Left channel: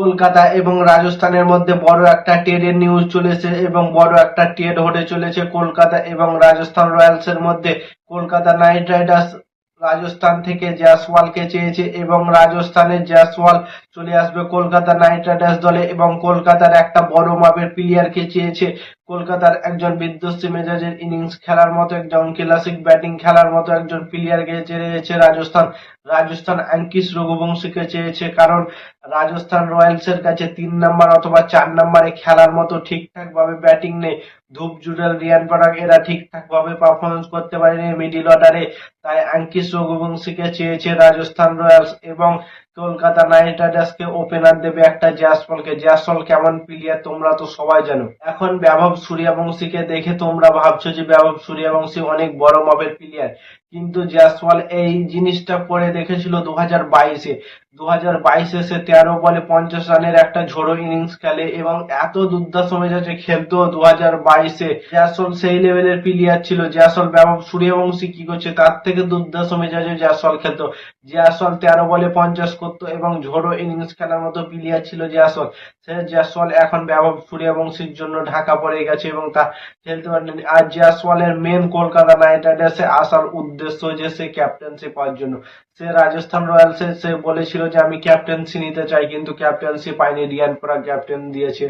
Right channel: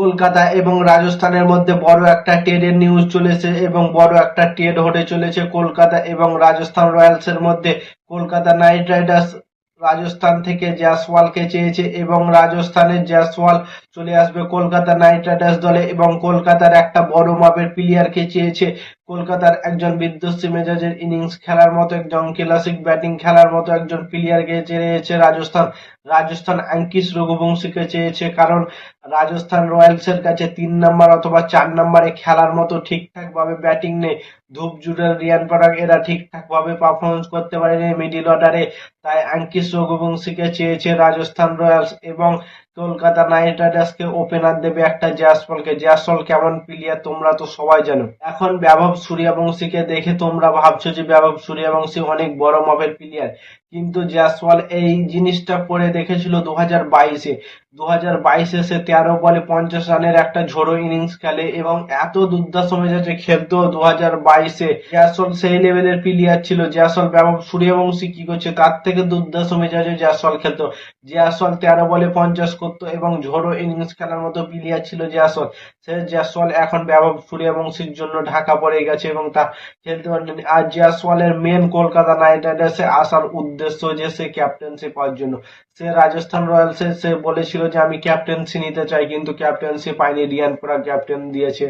কলকাতা এবং রাজস্থানের মধ্যে বড় একটা ট্রেডের নিউজ চলেছে এবং বড় একটা ট্রেড হতে চলেছে কলকাতা এবং রাজস্থান রয়্যালসের মধ্যে। কলকাতা নাইট রাইডার্স রাজস্থান থেকে জয়সওয়ালকে চেয়েছে এবং রাজস্থানের জয়সওয়াল চলে আসবে কলকাতা নাইট রাইডার্স দলে এবং কলকাতার একটা বড় মাপের প্লেয়ারকে চেয়েছে। কলকাতার একজন বিধ্বংসী মেজাজের ইনিংস খেলার মতো একজন ক্লাসিক ব্যাটিং খেলার মতো একজন প্লেয়ারকে চেয়েছে রাজস্থান। রাজস্থান আঙ্কিশ রঘুবংশীকে চেয়েছে, কারণ রাজস্থান রয়্যালসের কাছে ৩ নম্বর অথবা ৪ নম্বরে খেলার মতো ঠিকঠাক ভাবে ব্যাটিং নেই। ধুপ জুডেল, রিয়ান পরাগ এরা ঠিকঠাক ভাবে পারফরমেন্স করতে পারেনি মিডিল অর্ডারে, তাই আঙ্কিশ রঘুবংশীকে চেয়েছে রাজস্থান রয়্যালস এবং কলকাতা নাইট রাইডার্সকে ওপেনার দেবে একটা জয়সওয়ালকে। জয়সওয়াল কেমন প্লেয়ার তোমরা তো সবাই জানো। এখন বৈভব সূর্যবংশীকে দেখে তোমরা ভাবছো যে বৈভব সূর্যবংশী অনেক বড় মাপের প্লেয়ার, কিন্তু জয়সওয়াল এই জিনিসটা করে দেখেছিল 2022-এ। 2022-এ সে 13 বলে 50 রানের একটা ঝোড়ো ইনিংস খেলে এবং এত দুর্দান্ত মেজাজে খেলতো 2022-এ। জয়সওয়াল সেই লেভেলের প্লেয়ার ছিল। জয়সওয়াল বৈভব সূর্যবংশী কি করছে তার থেকে দুর্দান্ত মেজাজে জয়সওয়াল খেলতো। জয়সওয়াল 13 বলে 50 করতো এবং ঝোড়ো ইনিংস খেলার মতো প্লেয়ার ছিল জয়সওয়াল। সে জয়সওয়াল এখন বৈভব সূর্যবংশীর জন্য ঢাকা পড়ে গেছে এবং তা খেলতে পারেনি। আর জয়সওয়ালের মেন কলকাতা নাইট রাইডার্সে আসার উদ্দেশ্য যে সে ক্যাপ্টেন্সি পাওয়ার জন্য। সে রাজস্থান রয়্যালসে সে বলেছিল যে আমি ক্যাপ্টেন্সি নিতে চাই, কিন্তু ক্যাপ্টেন্সি পাইনি, রিয়ান পরাগ ক্যাপ্টেন দিয়েছে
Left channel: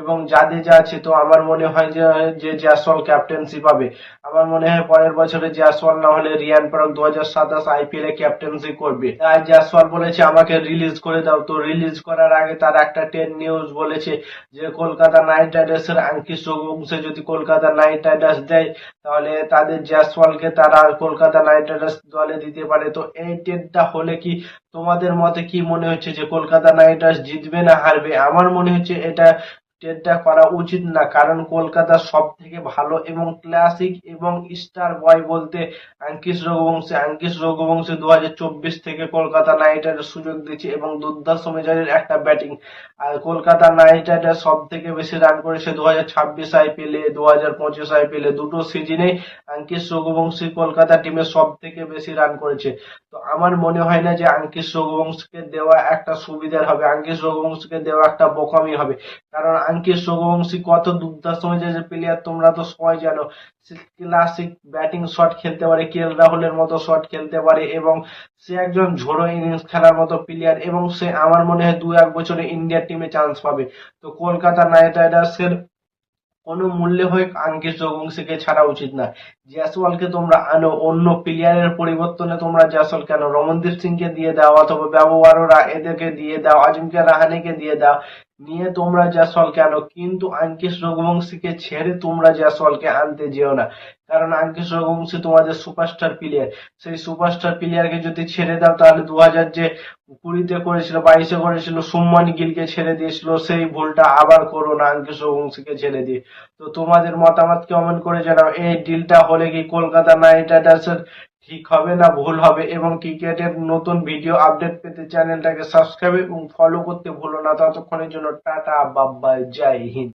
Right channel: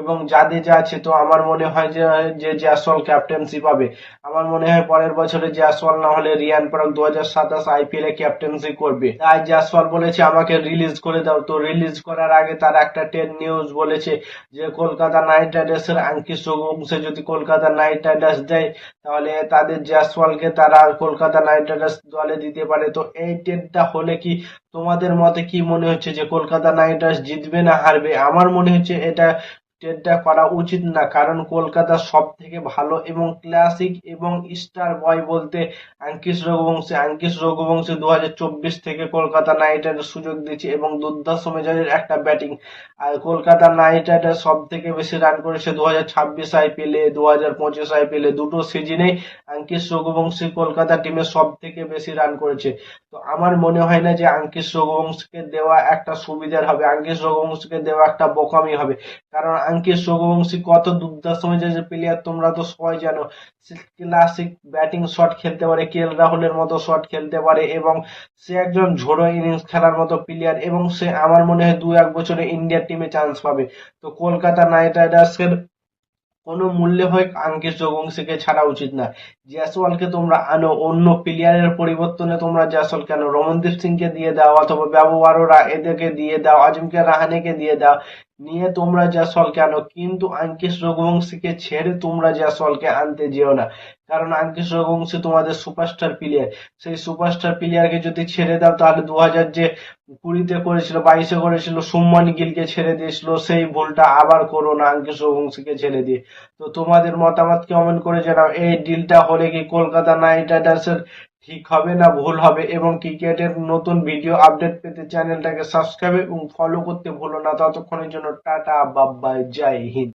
এবং জাদেজা আছে। তো আমার মনে হয় যে জয়সওয়াল ক্যাপ্টেন্সি পাবে। আমার মনে হয় পরের বছরে জয়সওয়াল না হলে রিয়ান পরাগ 2027 আইপিএল এ ক্যাপ্টেন্সি করবে। তাই জয়সওয়াল বলেছে আমাকে রিলিজ করে দাও। তো রিলিজ করার আগে তার একটা ট্রেড নিউজ বলেছে যে কলকাতা নাইট রাইডার্সের আঙ্কিশ রঘুবংশী যদি কলকাতা নাইট রাইডার্স দেয় তাহলে তাদের জয়সওয়ালকে তারা কলকাতা নাইট রাইডার্স দলে দিতে পারে। তো এই ট্রেডটা হলে কি তোমাদের মতে কি মনে হচ্ছে যে কলকাতা নাইট রাইডার্স জিতবে না হারবে? আমার মনে হচ্ছে এটা ট্রেডটা করা উচিত না, কারণ কলকাতার সব থেকে ভালো এবং ক্লাসিক এবং স্টার বয় বলতে আঙ্কিশ রঘুবংশী। আঙ্কিশ রঘুবংশী 2024 থেকে কলকাতা নাইট রাইডার্স সুযোগ দিচ্ছে এবং দুর্দান্ত মেজাজের একটা ব্যাটিং। আর কলকাতা নাইট রাইডার্স সব থেকে বেশি রান করেছে 2026 আইপিএল এ, 2025 আইপিএল এ, দুটো সিজনে আঙ্কিশ রঘুবংশী কলকাতা টিমে সব থেকে বেশি রান করেছে। তো আমার মনে হয় না যে আঙ্কিশ রঘুবংশীকে দেওয়া একটা সুবিধার হবে, আঙ্কিশ রঘুবংশীকে দেওয়া একটা বোকামি হবে, কারণ আঙ্কিশ রঘুবংশী কত দুর্দান্ত মেজাজের প্লেয়ার তোমরা তো সবাই জানো। সে ক্লাসিক ব্যাটিং শট খেলতে পারে, কে এল রাহুলের মতো শট খেলতে পারে এবং সে একজন ঝোড়ো ইনিংস খেলার মতো প্লেয়ার এবং সে আমার মনে হয় 2-1 বছরে ইন্ডিয়া টিমে চান্স পাবে। তো কলকাতা নাইট রাইডার্সের কোনো মূল্যে হয় আঙ্কিশ রঘুবংশীকে ছাড়া উচিত না। জয়সওয়ালকে তোমরা আনো, অন্য প্লেয়ারের পরিবর্তনে তোমরা জয়সওয়ালকে আনো, রমনদীপ সিংকে দিয়ে দাও অথবা বাবু আরোরা এদেরকে দিয়ে দাও, আজিমকে রাহানেকে দিয়ে দাও, নিয়ে তোমরা জয়সওয়ালকে আনো, কিন্তু আঙ্কিশ রঘুবংশীকে ছেড়ে তোমরা জয়সওয়ালকে আনতে যেও না, কারণ আঙ্কিশ রঘুবংশী তোমাদের সুপারস্টার প্লেয়ার। সেই সুপারস্টার প্লেয়ারকে যদি ছেড়ে দাও তাহলে 2020-তে করেছিল, 22-এ করেছিল, শুভমান গিলকে ছেড়ে দিয়েছিল, সেই ভুলটা আবার করো না আঙ্কিশ রঘুবংশীকে ছেড়ে দিয়ে। তো তোমাদের মতামত কমেন্ট করে জানাও, এই ডিলটা হলে কি কলকাতা নাইট রাইডার্সের ঠিক হবে না ভুল হবে? এবং ক্রিকেটের নতুন ভিডিও আপডেট পেতে চ্যানেলটাকে সাবস্ক্রাইব এবং ফলো করতে ভুলো না। ততক্ষণের জন্য টাটা, বাই বাই, জয় হিন্দ।